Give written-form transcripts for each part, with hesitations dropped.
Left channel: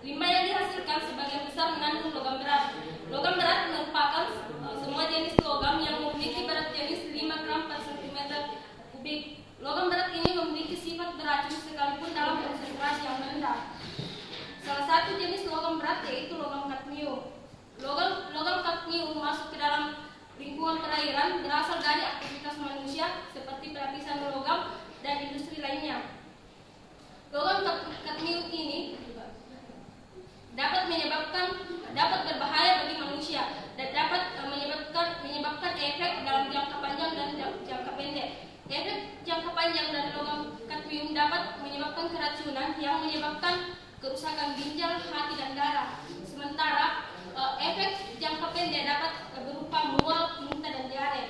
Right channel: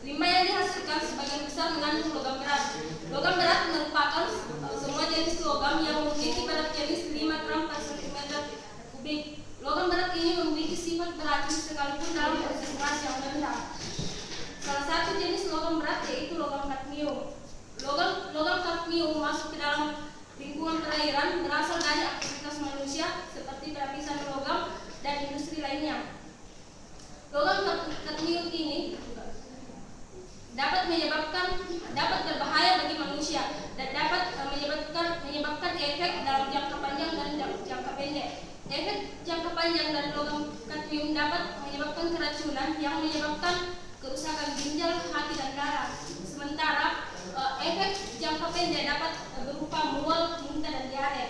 Limbah yang dihasilkan sebagian besar mengandung logam berat. Logam berat merupakan semua jenis logam yang memiliki berat jenis 5 gram per cm kubik. Logam berat ini memiliki sifat beracun sekalipun dalam konsentrasi yang rendah. Salah satu jenis logam berat yaitu logam kadmium. Logam kadmium masuk ke dalam lingkungan perairan berasal dari aktivitas manusia seperti pelapisan logam dan industri lainnya. Logam kadmium ini dapat berbahaya bagi manusia dan dapat menyebabkan efek dalam jangka panjang dan jangka pendek. Efek jangka panjang dari logam kadmium dapat menyebabkan keracunan yang menyebabkan kerusakan ginjal, hati, dan darah. Sementara efek jangka pendek dapat berupa mual, muntah, dan diare.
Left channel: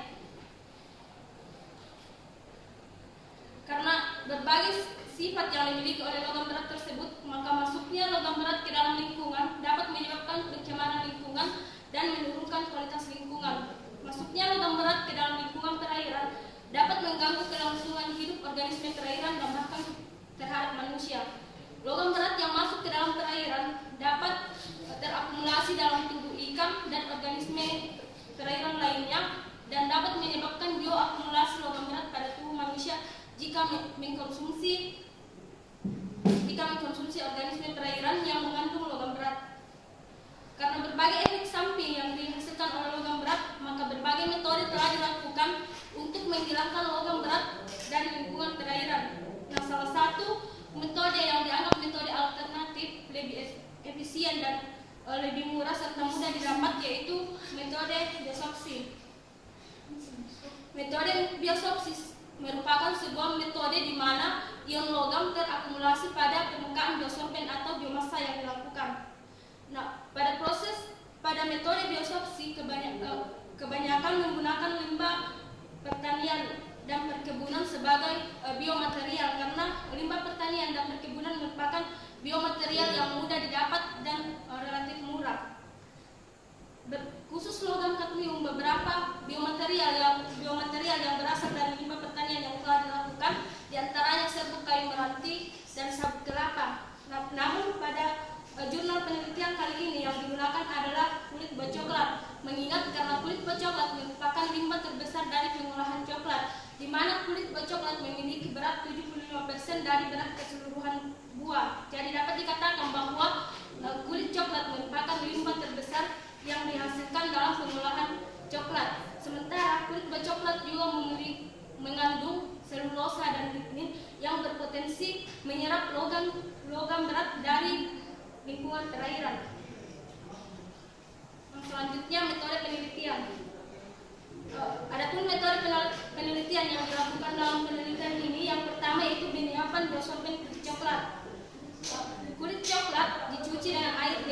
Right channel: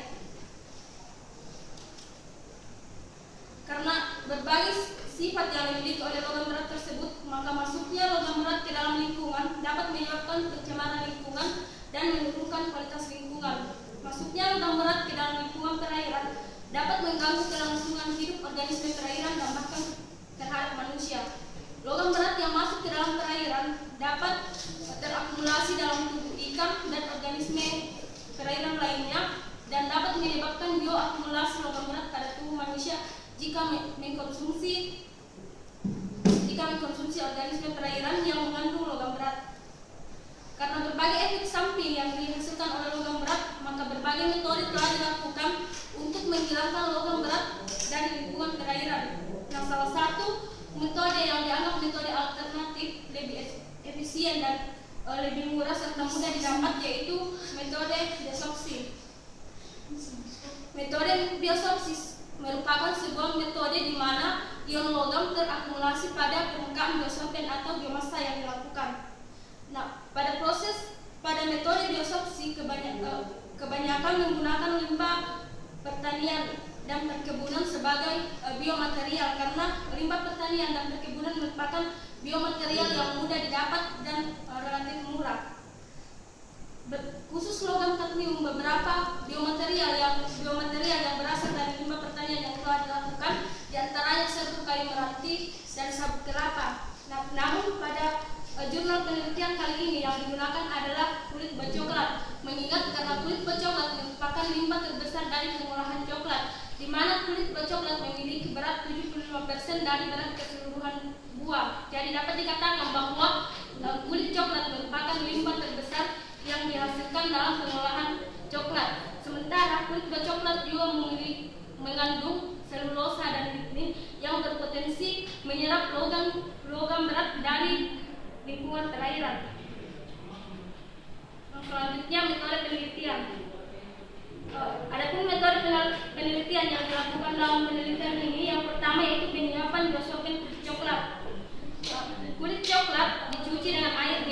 Karena berbagai sifat yang dimiliki oleh logam berat tersebut, maka masuknya logam berat ke dalam lingkungan dapat menyebabkan pencemaran lingkungan dan menurunkan kualitas lingkungan. Masuknya logam berat ke dalam lingkungan perairan dapat mengganggu kelangsungan hidup organisme perairan dan bahkan terhadap manusia. Logam berat yang masuk ke dalam perairan dapat terakumulasi dalam tubuh ikan dan organisme perairan lainnya dan dapat menyebabkan bioakumulasi logam berat pada tubuh manusia jika mengkonsumsi organisme perairan yang mengandung logam berat. Karena berbagai efek samping yang dihasilkan oleh logam berat, maka berbagai metode telah dilakukan untuk menghilangkan logam berat dari lingkungan perairan. Nah, salah satu metode yang dianggap metode alternatif lebih efisien dan lebih murah serta mudah didapat yaitu metode biosorpsi. Metode biosorpsi merupakan sebuah metode di mana ion logam terakumulasi pada permukaan biosorben atau biomasa yang dilakukan. Nah, pada metode biosorpsi kebanyakan menggunakan limbah pertanian dan perkebunan sebagai biomaterial karena limbah pertanian dan perkebunan merupakan biomaterial yang mudah didapat dan relatif murah. Khusus logam kadmium, beberapa biomaterial yang berasal dari limbah pertanian yang telah dilakukan, diantaranya serbuk kayu meranti dan sabut kelapa. Namun pada jurnal penelitian kali ini yang digunakan adalah kulit buah coklat, mengingat karena kulit buah coklat merupakan limbah terbesar dari pengolahan coklat, di mana kulit buah coklat memiliki berat 75% dari berat keseluruhan buah. Jadi dapat dikatakan bahwa kulit coklat merupakan limbah terbesar yang dihasilkan dalam pengolahan coklat. Sementara kulit buah coklat juga mengandung selulosa dan lignin yang berpotensi menyerap logam berat dari lingkungan perairan. Selanjutnya metode penelitian. Adapun metode penelitian yang dilakukan dalam penelitian ini, yang pertama yaitu penyiapan biosorben kulit coklat. Kulit coklat dicuci dengan air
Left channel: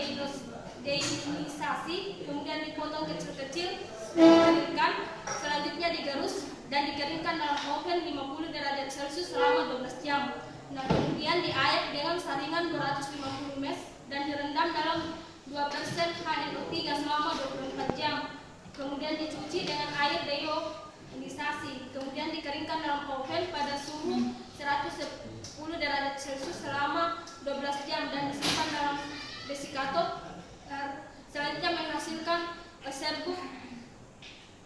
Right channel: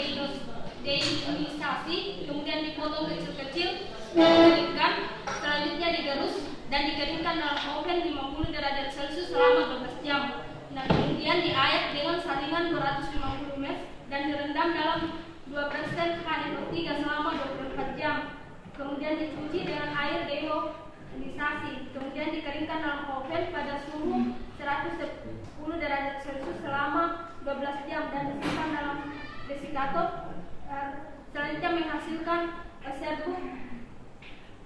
deionisasi, kemudian dipotong kecil-kecil, dikeringkan, selanjutnya digerus dan dikeringkan dalam oven 50 derajat Celcius selama 12 jam. Nah, kemudian diayak dengan saringan 250 ml dan direndam dalam 2% HNO3 selama 24 jam. Kemudian dicuci dengan air deionisasi, kemudian dikeringkan dalam oven pada suhu 110 derajat Celcius selama 12 jam dan disimpan dalam desikator. Selanjutnya menghasilkan serbuk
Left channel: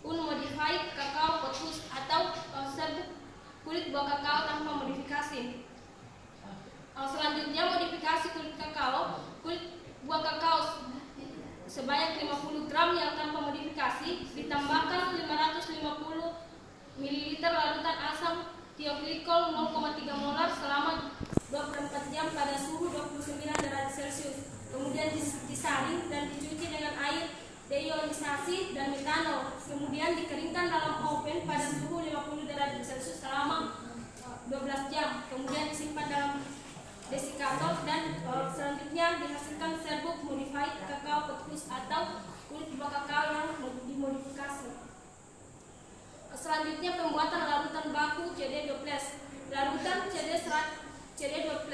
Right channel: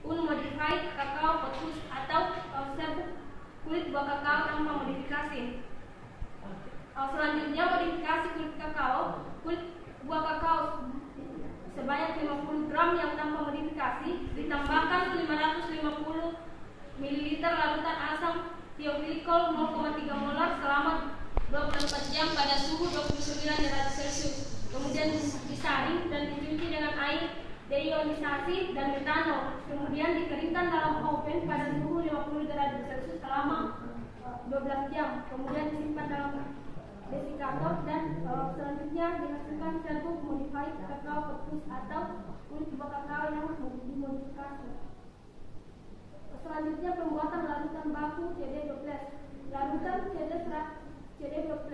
unmodified kakao potus atau serbuk kulit buah kakao tanpa modifikasi. Selanjutnya modifikasi kulit buah kakao sebanyak 50 gram yang tanpa modifikasi, ditambahkan 550 ml larutan asam tioglikol 0,3 molar selama 24 jam pada suhu 29 derajat Celcius. Kemudian disaring dan dicuci dengan air deionisasi dan metanol. Kemudian dikeringkan dalam oven pada suhu 50 derajat Celcius selama 12 jam. Kemudian disimpan dalam desikator dan selanjutnya dihasilkan serbuk modified kakao potus atau kulit buah kakao yang dimodifikasi. Selanjutnya pembuatan larutan baku CD12. Larutan CD12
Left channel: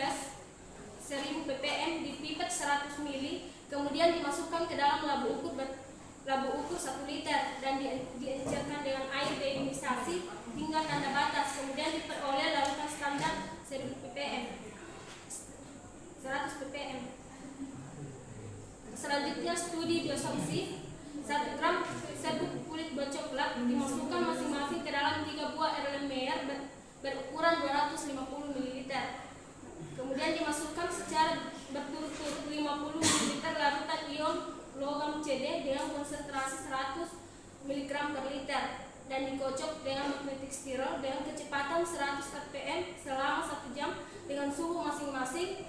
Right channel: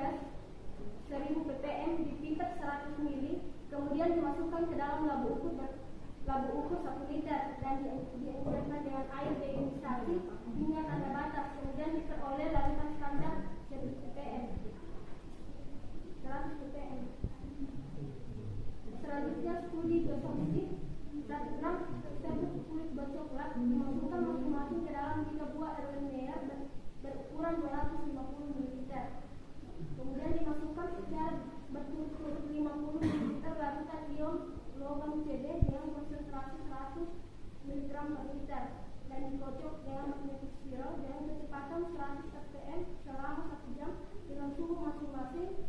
1000 ppm dipipet 100 ml, kemudian dimasukkan ke dalam labu ukur 1 liter dan diencerkan dengan air deionisasi hingga tanda batas, kemudian diperoleh larutan standar 1000 ppm 100 ppm. dengan konsentrasi 100 mg per liter dan dikocok dengan magnetic spiral dengan kecepatan 100 rpm selama 1 jam dengan suhu masing-masing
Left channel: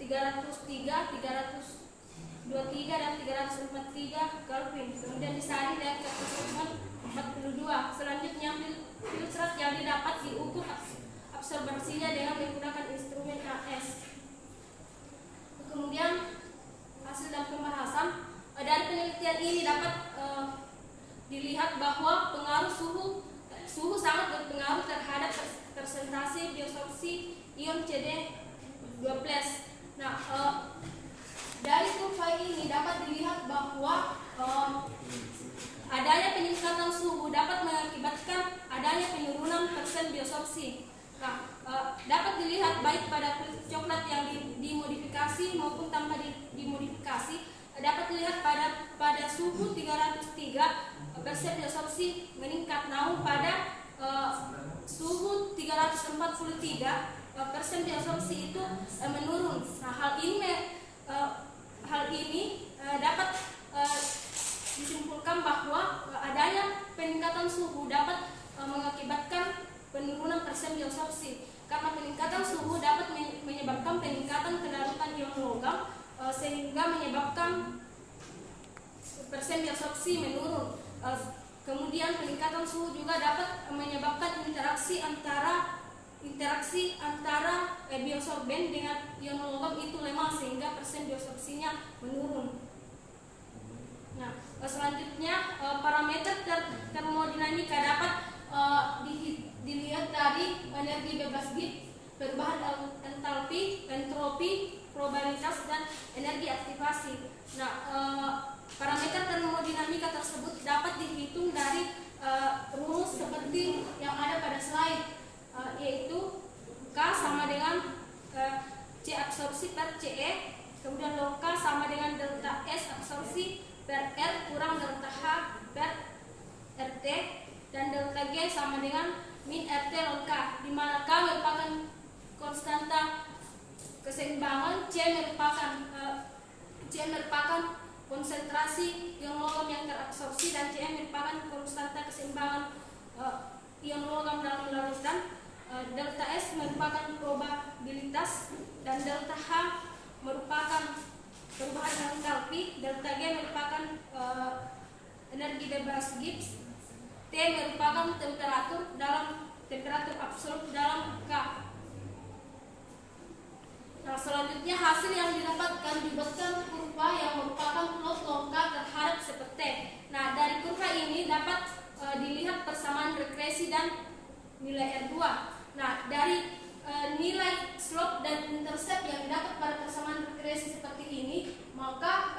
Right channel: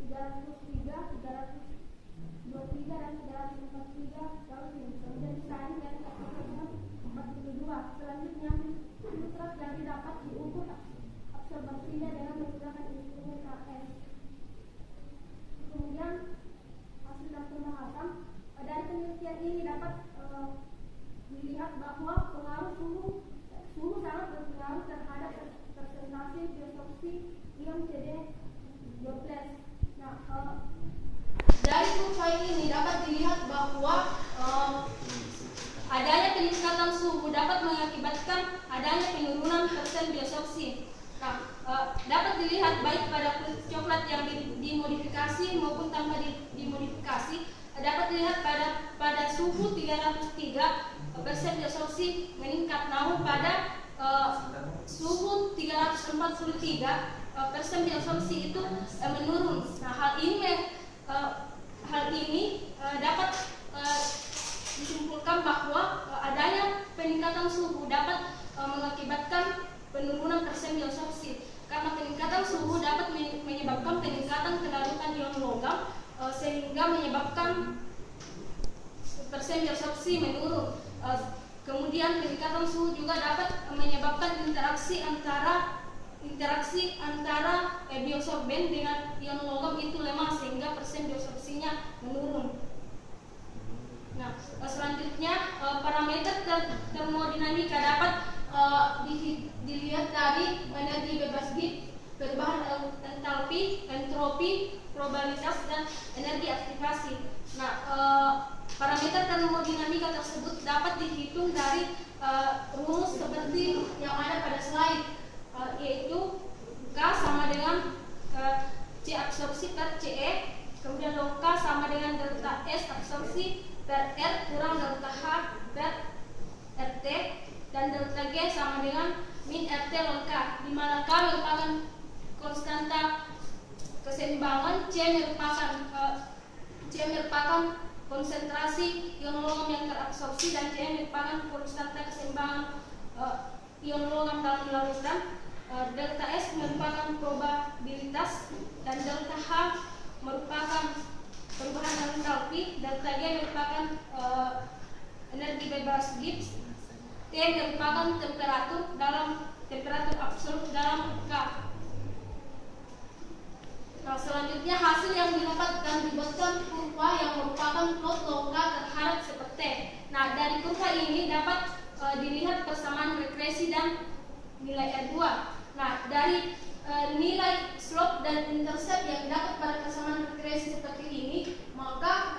303, 323 dan 343 Kelvin. Kemudian disaring dengan kecepatan 42. Selanjutnya filtrat yang didapat diukur absorbensinya dengan menggunakan instrumen AS. Kemudian hasil dan pembahasan dari penelitian ini dapat dilihat bahwa pengaruh suhu sangat berpengaruh terhadap presentasi biosorpsi ion CD12. Nah, dari kurva ini dapat dilihat bahwa adanya peningkatan suhu dapat mengakibatkan adanya penurunan persen biosorpsi. Nah, dapat dilihat baik pada kulit coklat yang dimodifikasi maupun tanpa dimodifikasi. Dapat dilihat pada suhu 303 persen biosorpsi meningkat, namun pada suhu 343 persen biosorpsi itu menurun. Nah, hal ini dapat disimpulkan bahwa adanya peningkatan suhu dapat mengakibatkan penurunan persen biosorpsi. Karena peningkatan suhu dapat menyebabkan peningkatan kelaratan ion logam sehingga menyebabkan persen biosorpsi menurun. Kemudian peningkatan suhu juga dapat menyebabkan interaksi antara biosorben dengan ion logam itu lemah sehingga persen biosorpsinya menurun. Nah, selanjutnya parameter termodinamika dapat dilihat dari energi bebas Gibbs, perubahan entalpi, entropi, probabilitas dan energi aktivasi. Nah, parameter termodinamika tersebut dapat dihitung dari rumus seperti yang ada pada slide, yaitu K sama dengan C absorpsi per CE, kemudian log K sama dengan delta S absorpsi per R kurang delta H per RT, dan delta G sama dengan min RT log K, di mana K merupakan konstanta keseimbangan, C merupakan konsentrasi ion logam yang terabsorpsi, dan Cm merupakan konstanta keseimbangan ion logam dalam larutan. Delta S merupakan probabilitas, dan delta H merupakan perubahan entalpi, delta G merupakan energi bebas Gibbs, T merupakan temperatur absolut dalam K. Nah, selanjutnya hasil yang didapatkan dibuatkan kurva yang merupakan plot log K terhadap CPT. Nah, dari kurva ini dapat dilihat persamaan regresi dan nilai R2. Nah, dari nilai slope dan intercept yang didapat pada persamaan regresi seperti ini, maka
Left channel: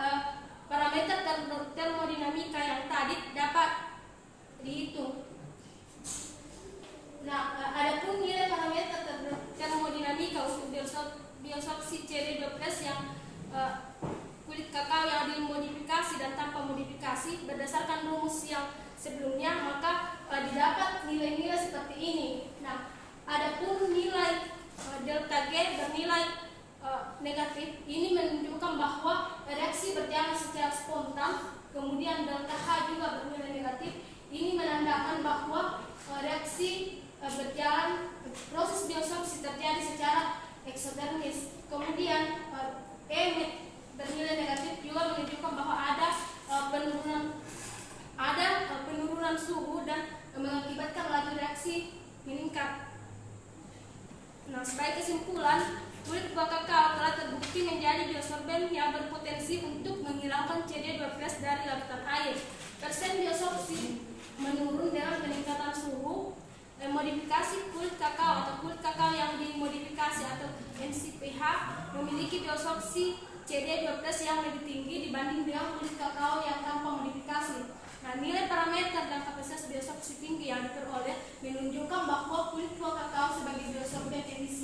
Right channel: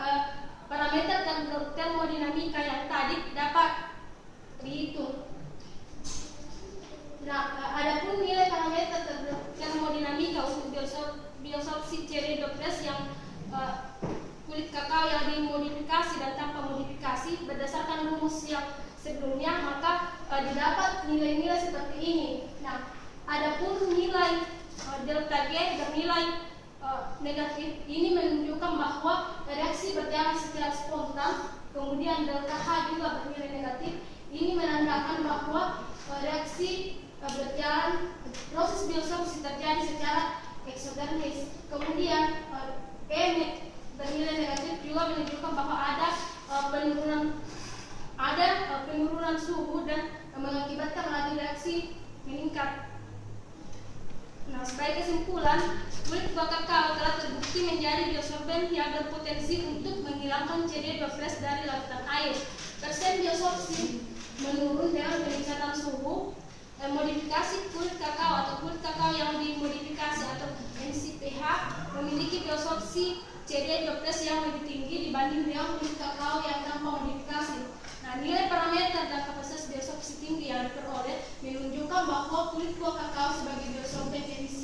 parameter termodinamika yang tadi dapat dihitung. Nah, adapun nilai parameter termodinamika untuk biosorpsi CD12 yang kulit kakao yang dimodifikasi dan tanpa modifikasi berdasarkan rumus yang sebelumnya, maka didapat nilai-nilai seperti ini. Nah, adapun nilai delta G bernilai negatif, ini menunjukkan bahwa reaksi berjalan secara spontan. Kemudian delta H juga bernilai negatif, ini menandakan bahwa reaksi berjalan, proses biosorpsi terjadi secara eksotermis. Kemudian E bernilai negatif juga menunjukkan bahwa ada penurunan suhu dan mengakibatkan laju reaksi meningkat. Nah, sebagai kesimpulan, kulit buah kakao telah terbukti menjadi biosorben yang berpotensi untuk menghilangkan CD12 dari larutan air. Persen biosorpsi menurun dengan peningkatan suhu. Modifikasi kulit kakao atau kulit kakao yang dimodifikasi atau NCPH memiliki biosorpsi CD12 yang lebih tinggi dibanding dengan kulit kakao yang tanpa modifikasi. Nah, nilai parameter dan kapasitas biosorpsi tinggi yang diperoleh menunjukkan bahwa kulit buah kakao sebagai biosorben efisien